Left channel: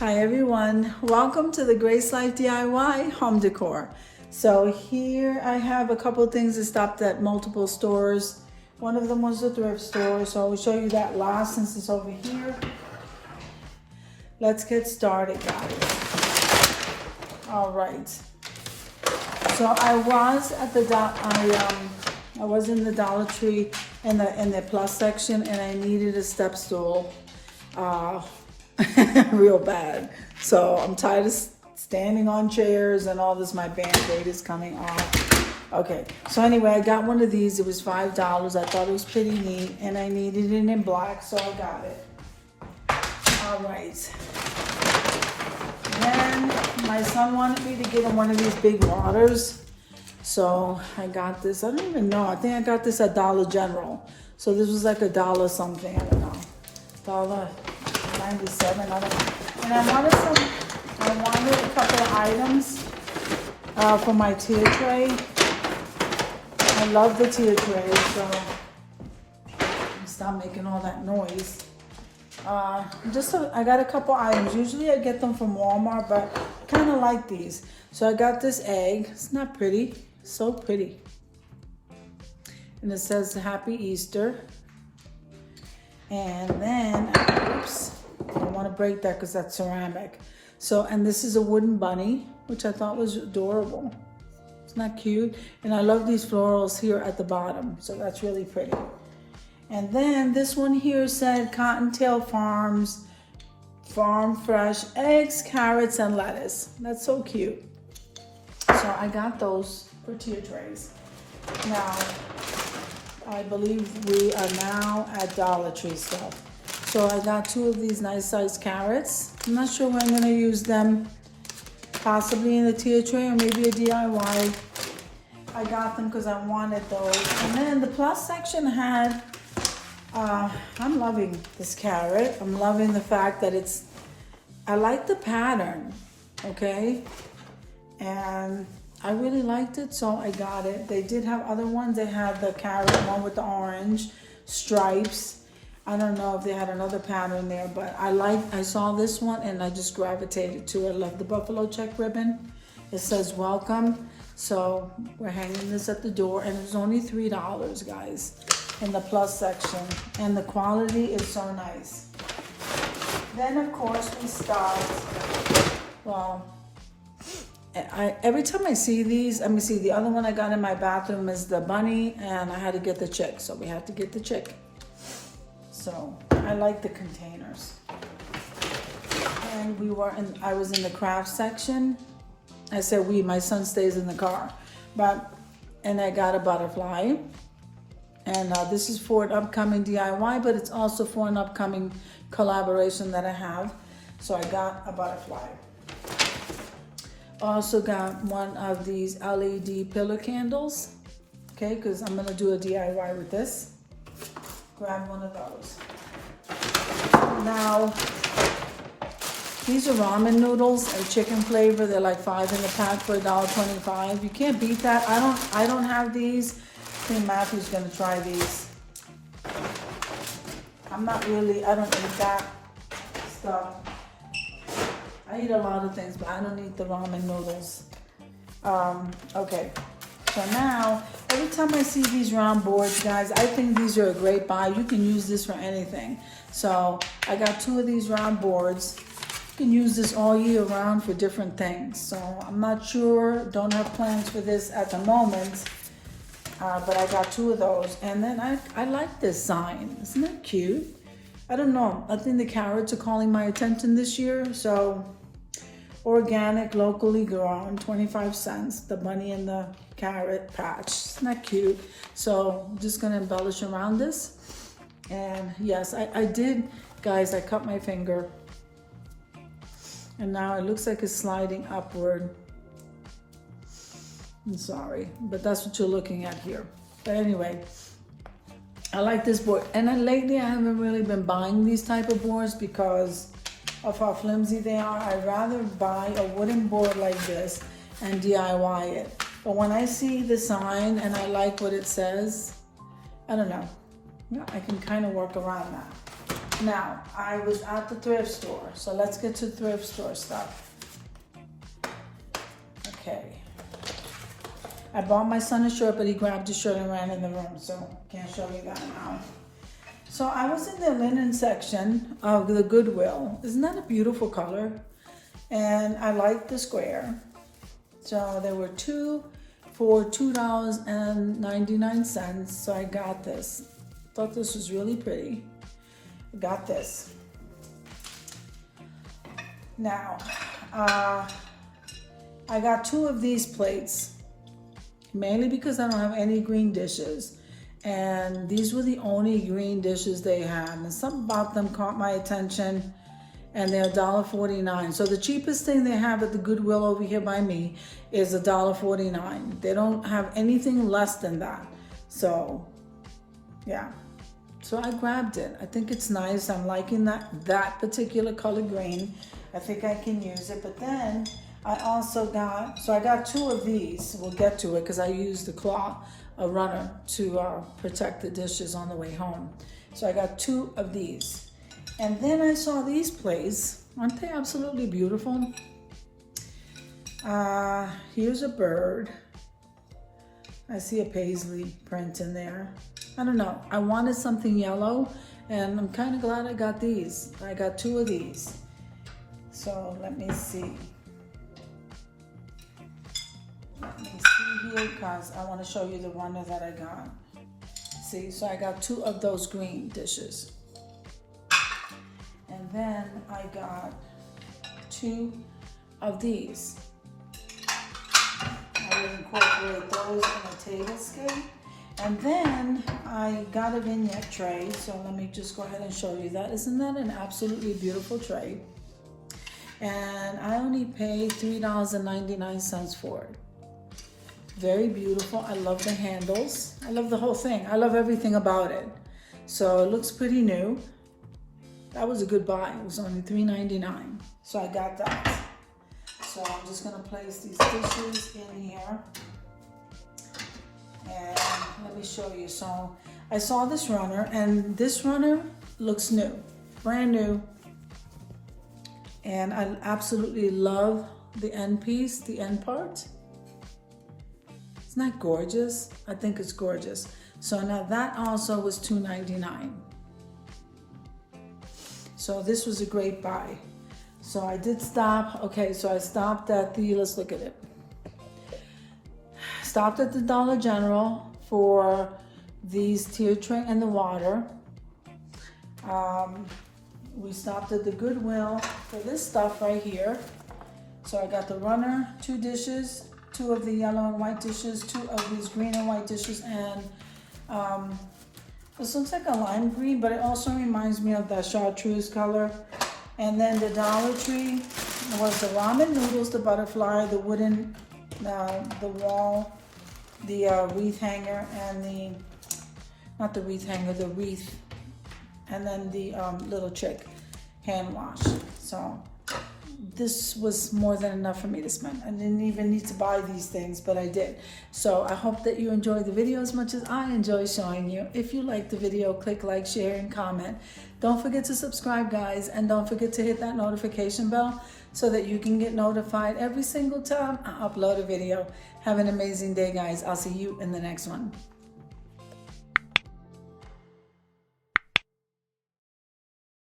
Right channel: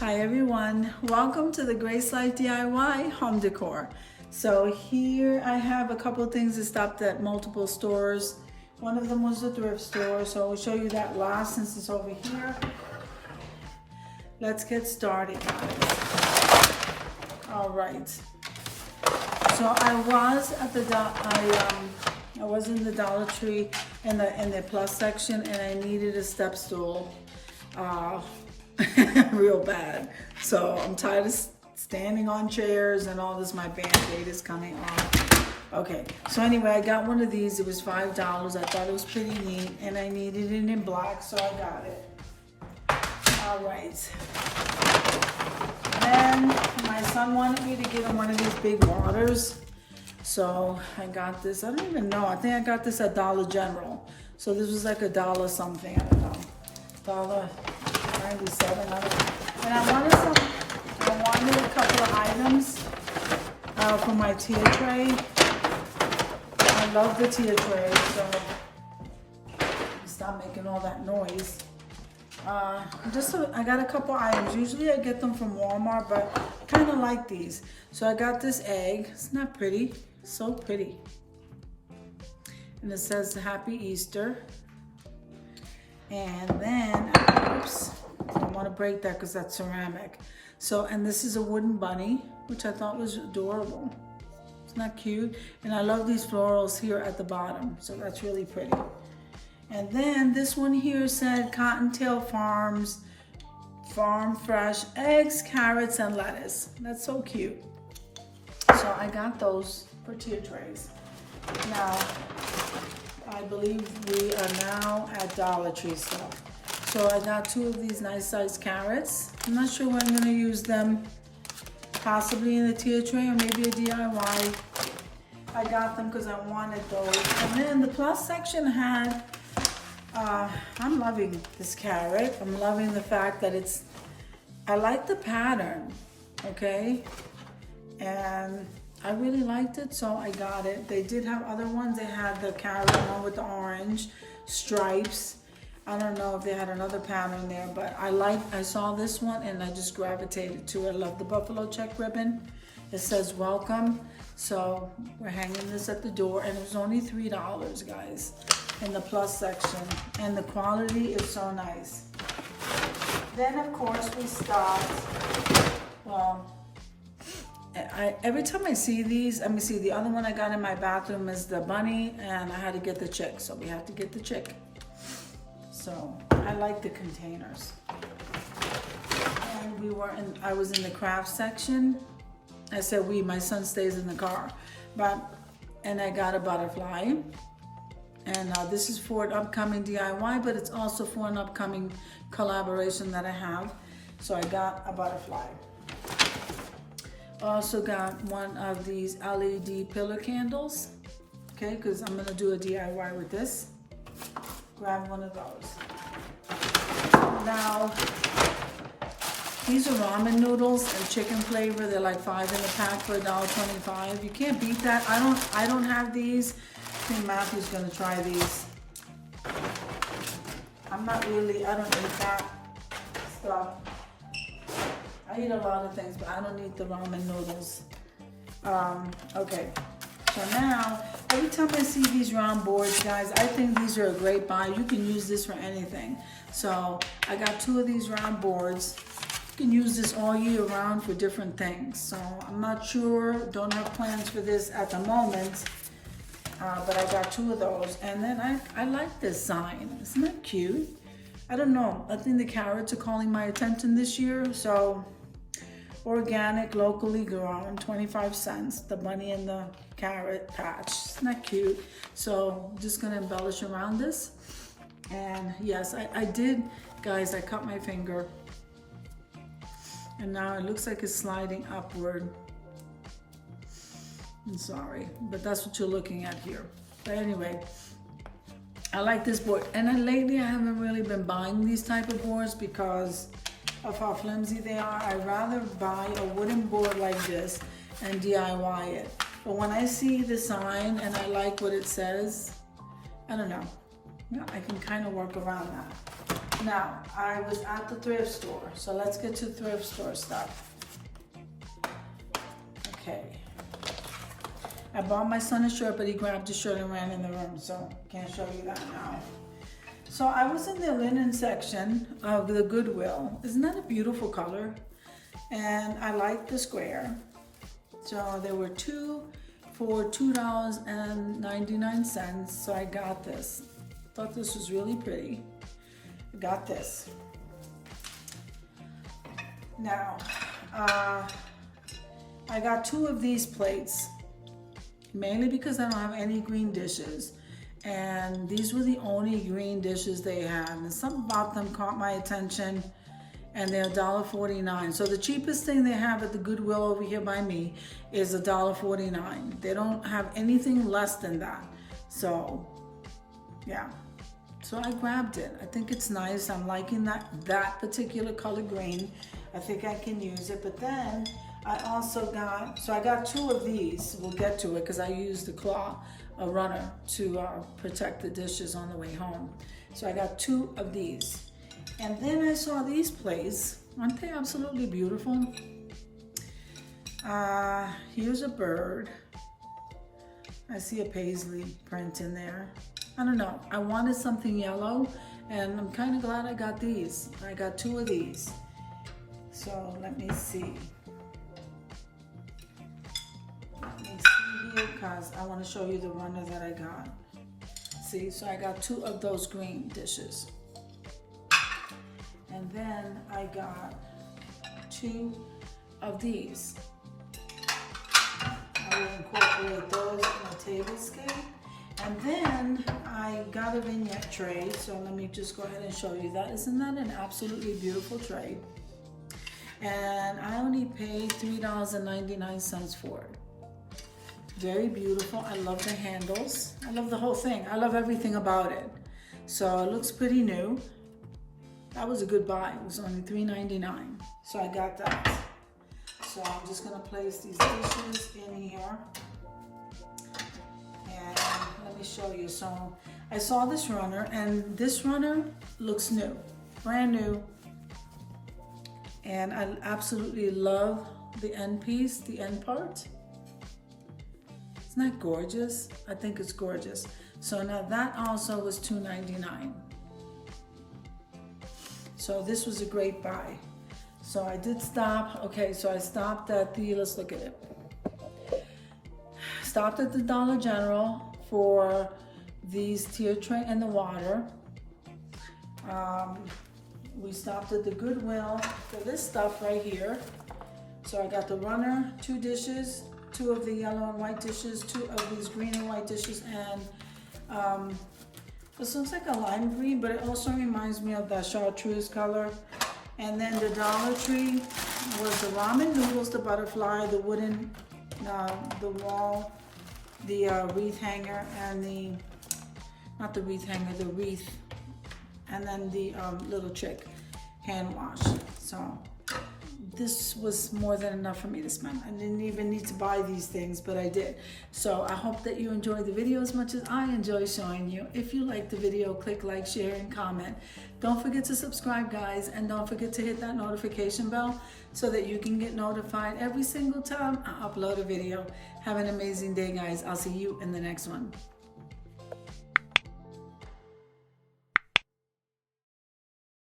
Hi everyone, welcome to the Grace Life DIY home decor. So here I have a couple of things that stopped at multiple stores. One of them was the thrift store, so I'll show you that last since it's over here. Let's get started, guys. All right. So I was at the I was in the Dollar Tree in the plus section, and I needed a step stool. Real bad. So I'm tired of standing on chairs and all this. My band-aid is coming off. Okay, so anyway, I got one of these. It was $5. I thought it was pretty neat, and I needed it in black, so I got it. All right. Then my son wanted me to get him one of these big waters, so I got this. I don't even know. I think I got this at Dollar General. So this was like $1 something. I don't know. $1.97. I don't know. And I wanted a couple of items for my tier tray. I love the tier tray, so stop making all that noise. I got a couple items. Usually I get them from Walmart, but I kind of like these. So I got this egg. It's not pretty. It's so pretty. And it says Happy Easter. And then, oops, I don't want to break that because that's ceramic. So, and this is a wooden bunny, which I thought was adorable. Isn't that cute? And I love these florals here at the bottom. So that's really pretty. And then this one here said Cottontail Farms, Farm Fresh Eggs, Carrots, and Lettuce. That's so cute. So I got those for tier trays. Now, I believe we are now at Dollar Tree still. So I got two of these nice sized carrots. I'm not sure when I'm gonna use them. Possibly in the tier tray or maybe a DIY. I got them because I wanted those. And then the plus section had, I'm loving this carrot. I'm loving the fact that I like the pattern, okay? And I really liked it, so I got it. They did have other ones. They had the carrot one with the orange stripes. I don't know if they had another pattern there, but I saw this one and I just gravitated to it. I love the buffalo check ribbon. It says welcome. So we're hanging this at the door, and it was only $3, guys, in the plus section. And the quality is so nice. Then of course we stopped, well, every time I see these, let me see, the other one I got in my bathroom is the bunny, and I had to get the chick, so we had to get the chick. So I like the containers. And I was in the craft section. I said my son stays in the car. And I got a butterfly. And this is for an upcoming DIY, but it's also for an upcoming collaboration that I have. So I got a butterfly. Also got one of these LED pillar candles, okay, because I'm gonna do a DIY with this. Grab one of those. Now, these are ramen noodles and chicken flavor. They're like 5 in the pack for $1.25. You can't beat that. I don't have these. I think Matthew's gonna try these. I don't eat that stuff. I eat a lot of things, but I don't eat the ramen noodles. Okay, so now, every time I see these round boards, guys, I think these are a great buy. You can use this for anything. So I got 2 of these round boards. You can use this all year round for different things. So I'm not sure, don't have plans for this at the moment, but I got 2 of those. And then I like this sign. Isn't that cute? I don't know. I think the carrots are calling my attention this year. So organic, locally grown, 25 cents. The bunny and the carrot patch. Isn't that cute? So I'm just gonna embellish around this. And yes, I did, guys, I cut my finger. And now it looks like it's sliding upward. I'm sorry, but that's what you're looking at here. But anyway, I like this board. And then lately I haven't really been buying these type of boards because of how flimsy they are. I'd rather buy a wooden board like this and DIY it. But when I see the sign and I like what it says, I don't know. Yeah, I can kind of work around that. Now, I was at the thrift store, so let's get to thrift store stuff. Okay. I bought my son a shirt, but he grabbed the shirt and ran in the room, so can't show you that now. So I was in the linen section of the Goodwill. Isn't that a beautiful color? And I like the square. So there were two for $2.99, so I got this. Thought this was really pretty. I got this. Now, I got 2 of these plates, mainly because I don't have any green dishes. And these were the only green dishes they had. And something about them caught my attention, and they're $1.49. So the cheapest thing they have at the Goodwill over here by me is $1.49. They don't have anything less than that. So, yeah. So I grabbed it. I think it's nice. I'm liking that particular color green. I think I can use it. But then I also got, so I got 2 of these. We'll get to it because I used the a runner to protect the dishes on the way home. So I got 2 of these. And then I saw these plates. Aren't they absolutely beautiful? Here's a bird. I see a paisley print in there. I don't know. I wanted something yellow, and I'm kind of glad I got these. I got 2 of these. So let me see. Let me see here, because I want to show you the runner that I got. See, so I got 2 of those green dishes. And then I got 2 of these. I will incorporate those in a table scape. And then I got a vignette tray. So let me just go ahead and show you that. Isn't that an absolutely beautiful tray? And I only paid $3.99 for it. Very beautiful. I love the handles. I love the whole thing. I love everything about it. So it looks pretty new. That was a good buy. It was only $3.99. So I got that. So I'm just gonna place these dishes in here. And let me show you. So I saw this runner, and this runner looks new, brand new. And I absolutely love the end piece, the end part. Isn't that gorgeous? I think it's gorgeous. So now that also was $2.99. So this was a great buy. So I did stop. Okay, so I stopped at the, let's look at it. Stopped at the Dollar General for these tier tray and the water. We stopped at the Goodwill for this stuff right here. So I got the runner, 2 dishes, 2 of the yellow and white dishes, 2 of these green and white dishes, and this looks like a lime green, but it also reminds me of that chartreuse color. And then the Dollar Tree was the ramen noodles, the butterfly, the wooden, the wall, the wreath hanger, and the, not the wreath hanger, the wreath, and then the little chick hand wash. So this was more than enough for me to spend. I didn't even need to buy these things, but I did. So I hope that you enjoyed the video as much as I enjoy showing you. If you liked the video, click like, share, and comment. Don't forget to subscribe, guys, and don't forget to hit that notification bell so that you can get notified every single time I upload a video. Have an amazing day, guys. I'll see you in the next one.